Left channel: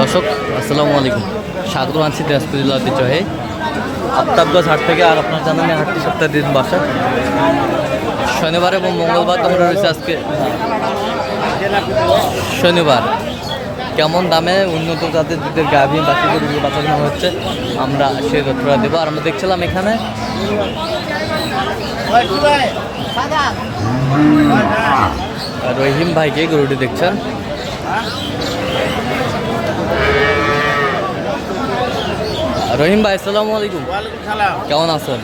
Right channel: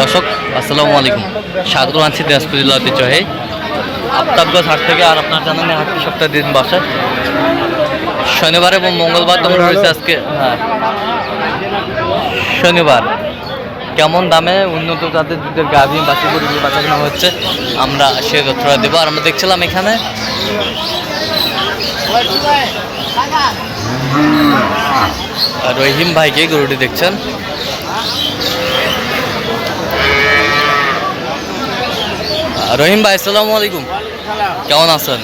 দর্শক, আসসালামু আলাইকুম। স্বাগত আনছি দিনাজপুর জেলা ঐতিহ্যহে আফতাবগঞ্জ হাট থেকে আর আপনার জানেন হাটটি সপ্তাহে দিন বাসায় শনিবার এবং মঙ্গলবার তোমরা রয়েছে আজকে হ্যাঁ। শনিবার, কেমন দামে উন্নত জাতের দুধের গাভী বাকি গরুগুলো বাচ্চা কেনা হচ্ছে, আমরা সে তথ্যটা দেবো। আর আমরা দেখছিলাম এখানে, রহিম ভাইকে গরুটি দেখছেন। রহিম ভাই আসসালামু আলাইকুম। কেমন আছেন?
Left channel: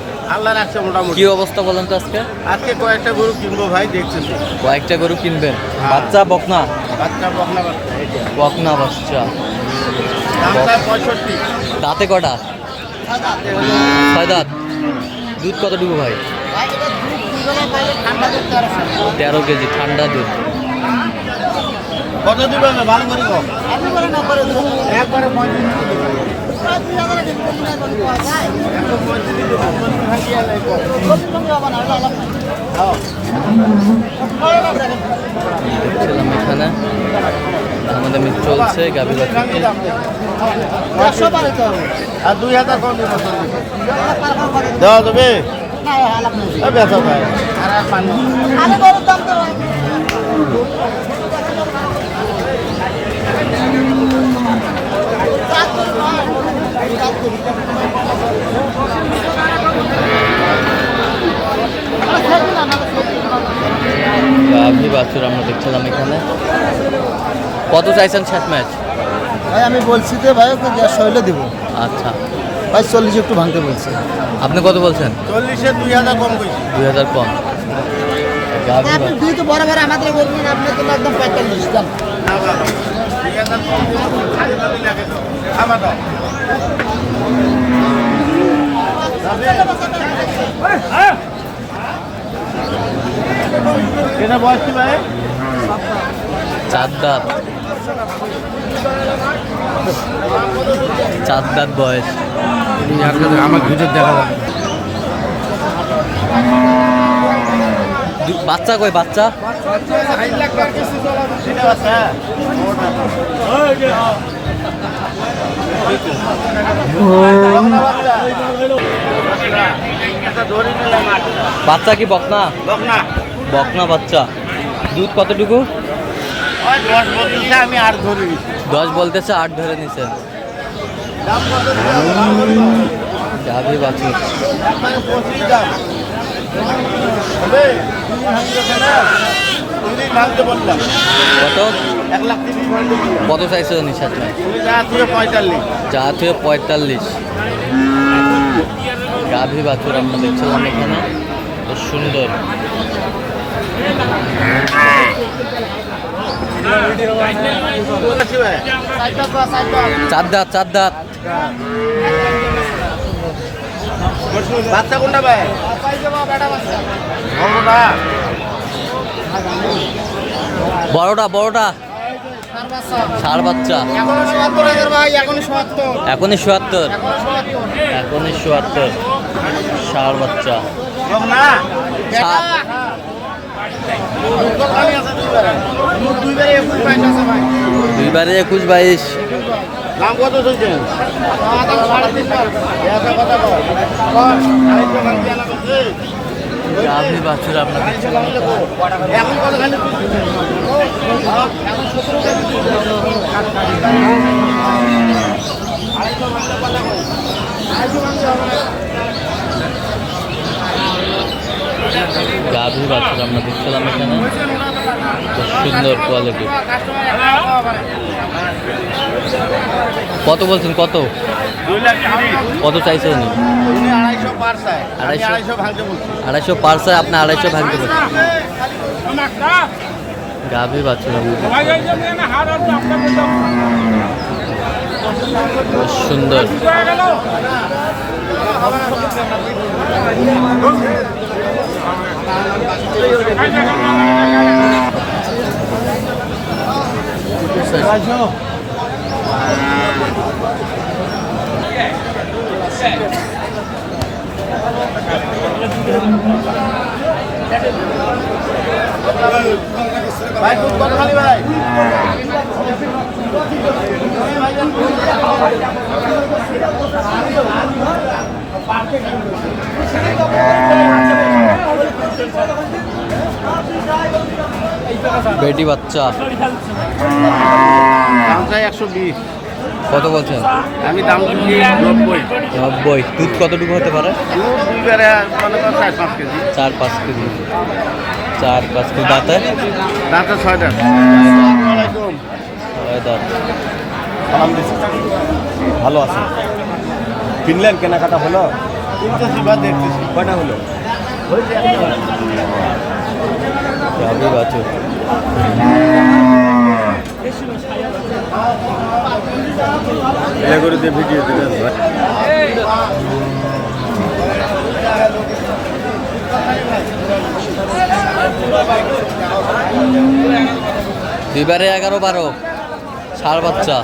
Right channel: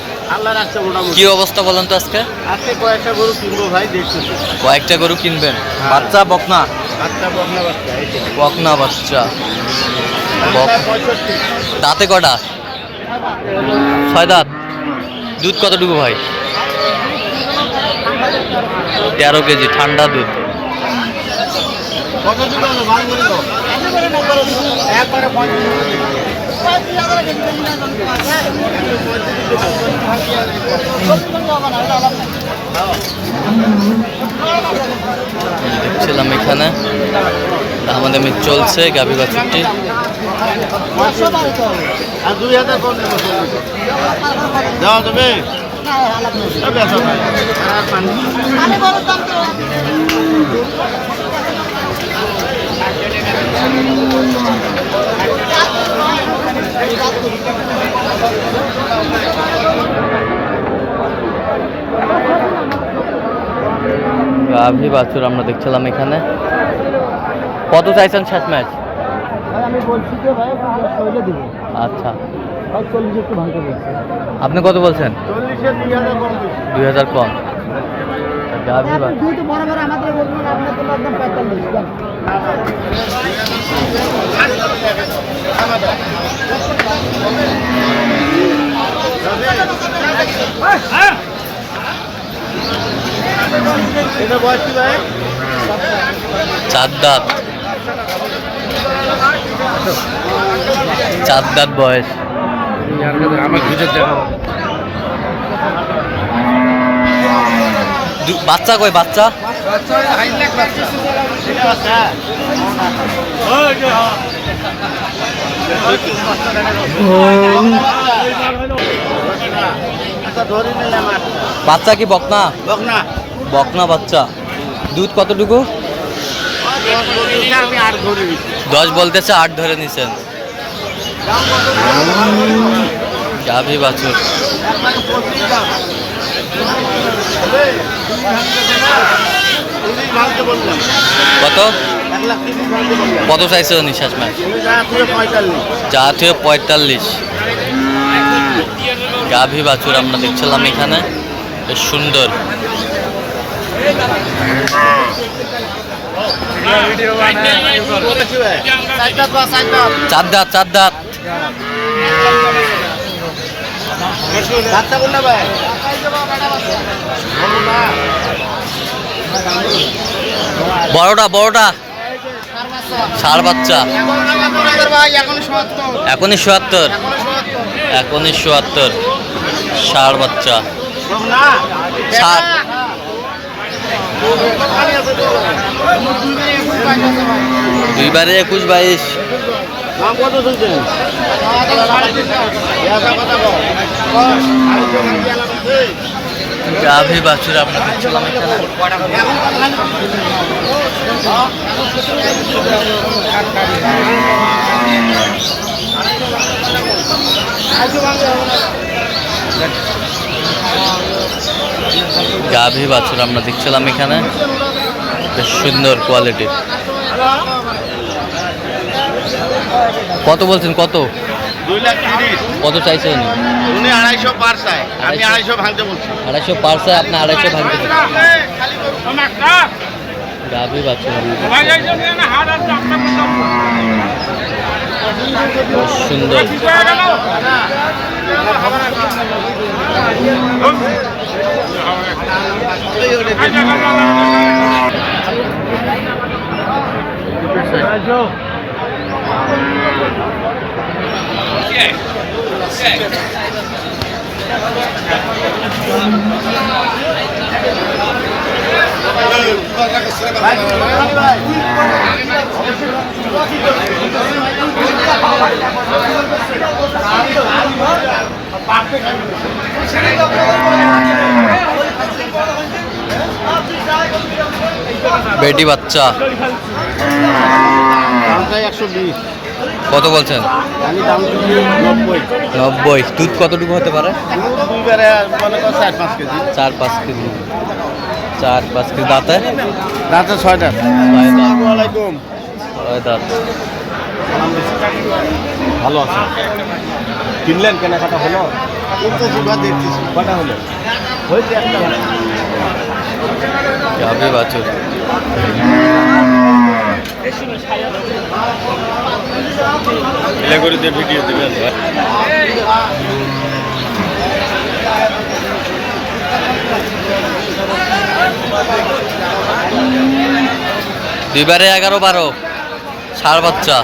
কি অবস্থা বলেন তো আজকে? আজকে কয়েকটা গরু কিনবো ভাই কয়েকটা গরু কিনবেন? বাচ্চা বকনা? বাচ্চা বকনা বাচ্চা বকনা বাচ্চা। দাঁতে কটা? ছয় দাঁত। দুধ কতটুকু ভাই? তেরো কেজি ঠান্ডা দুধ কত দিবে না ভালো করে কম একবারে দেখছিলাম এখানে। আমাদের মিট চলছে গাভী বাছুরটি। আর দুই হাজার কম দেবে দেওয়া যাবে? গাভী বাছুর আমরা দেখছিলাম এখানে। কত চাইছেন শেষ ম্যাচ? ভাই আমি বলছি যে ভাই ওকে দেড়শো হইলে দেবো। আচ্ছা। ভাই চল্লিশ একটু ভাঙতে বলছে। আপনি কত বলছেন? চল্লিশে দুই হাজার কম দুই হাজার কম। গাভী আপনি দুই তো বরাবর আমাদের বলবেন আপনার জন্য একদম পঁয়তাল্লিশ দাম ভাই চার দাঁত চার দাঁত বয়স বাচ্চা কই বাচ্চা? বাচ্চা কি বকনা? বকনা। বকনা বাচ্চা। দুধ কতটুকু? দশ বলতেছে, আট ধরে নিছেন গাভী বাছুর। কত? কত চাইছে নিঃশ্বাস ম্যাচ যা তুই পঁয়তাল্লিশ। গাভী বাছুর, আমরা দেখছিলাম এখানে। সুন্দর। চার দাঁত চার দাঁত। বাচ্চা কোনটা ভাই বড়টা। বড়টা ষাড় বাচ্চা। এখনই চুয়াত্তর এখনই চুয়াত্তর ষাড় বাচ্চা। ষাট দুইবারে একুশ বাইশ। গাভী বাছুর আমরা দেখছিলাম এখানে। গাভী বাছুর আমরা দেখছিলাম এখানে। বেশ সুন্দর কোয়ালিটির কত বলছেন কত? দুই লাখ তিরিশ। কত চাইছে উনি? উনি আড়াইশো পার চায় আমি আড়াইশো? আড়াইশো ভাঙতে বলছি। আড়াইশো পার্সায় আপনি আড়াইশো ভাঙতে পারেন গাভী বাছুর আমরা বেশ সুন্দর। ভাই বেটি বাচ্চা। দামটাই একশো বিশ। কত বলছেন? আমি দাম নব্বই। নব্বই। দুধ কতটুকু হতে পারে? চার পাঁচ কেজি। চার পাঁচ কেজি। দাঁতে? দাঁতে ছয়টা। সালাম ভালো আছে। কিনলেন কেনাকাটা হলো হলো। যাবে বাছুর। দুইবারে এগারো বারো। ষাড় বাচ্চা।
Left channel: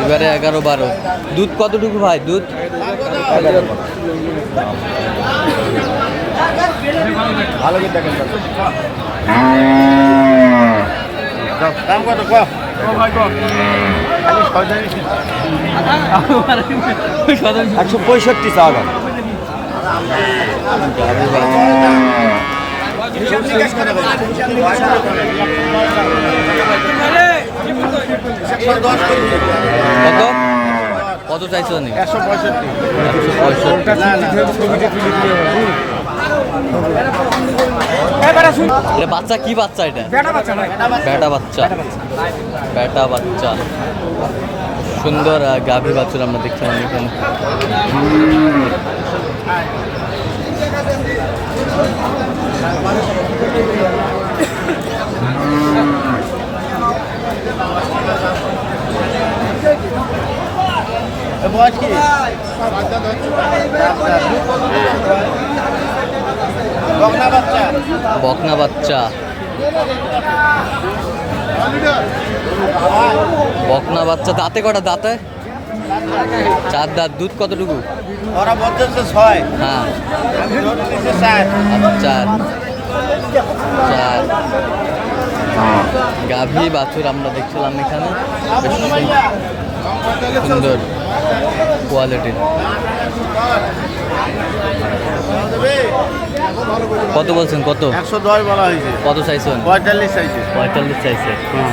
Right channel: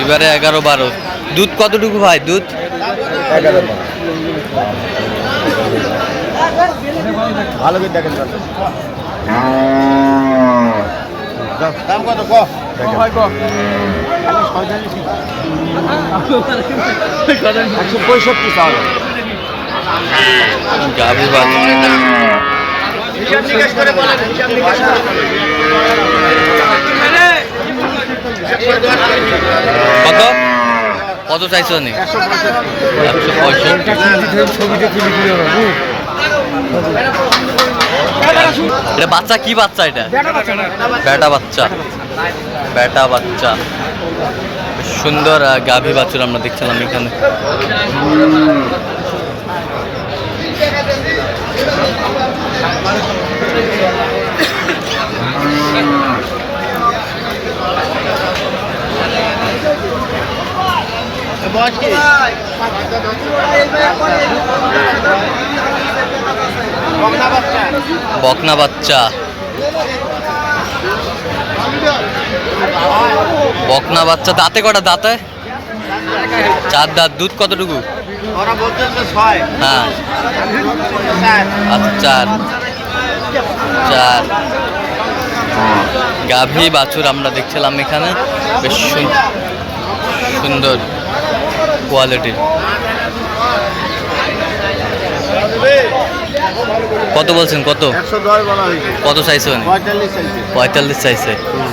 এবারে এগারো বারো। দুধ কতটুকু ভাই? দুধ? ভালো করে দেখেন দাম কত? একশো পঁয়ষট্টি পাওয়া গাভী বাছুর হিসাব নিকাশ করে বলেন হিসাব নিকাশ করে। কত? কত চাইছো নি? একশো পঁয়ষট্টি। এটা বাচ্চা, কি বাচ্চা এটা? বেটা বাচ্চা। বেটা বাচ্চা। সুন্দর গাভী বাছুর আমরা দেখছিলাম এখানে। বকনা বাচ্চা। বকনা বাচ্চা। দাঁতে কটা দাঁতে? চার দাঁত দুধ কতটুকু? হ্যাঁ। চার আচ্ছা চার। চার। গাভী বাছুর আমরা দেখছিলাম এখানে। বেশ সুন- সুন্দর। কোয়ালিটির কত বলছেন কত? কত চাইছে উনি? পঁয়তাল্লিশ চাইছে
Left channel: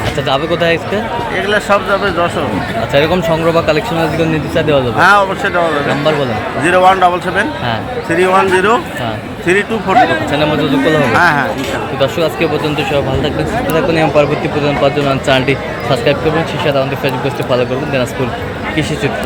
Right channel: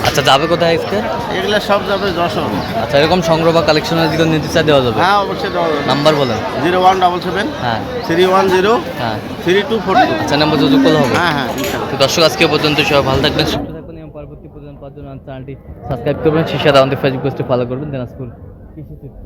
আচ্ছা যাবে কোথায় আজকে? এগুলো সব যাবে যশোর। আচ্ছা এরকম সংগ্রহ বা কালেকশনের দিকে নিতে চা দেওয়া যাবে? হ্যাঁ অবশ্যই দেওয়া যাবে। নাম্বার বলেন। জিরো ওয়ান ডাবল সেভেন হ্যাঁ। থ্রি ওয়ান জিরো হ্যাঁ। Three two four two. আচ্ছা নাম্বার যোগ করলে হবে? হ্যাঁ হ্যাঁ তো দর্শক আজকে পর্যন্ত সবাই ভালো থাকবেন সুস্থ থাকবেন এবং পরবর্তী পর্যন্ত পাঁচজন চ্যানেলটি সাবস্ক্রাইব করবেন। সেই সাথে আমাদের ফেসবুক পেজটি ফলো করবেন। দিনাজপুর কৃষি চিত্র।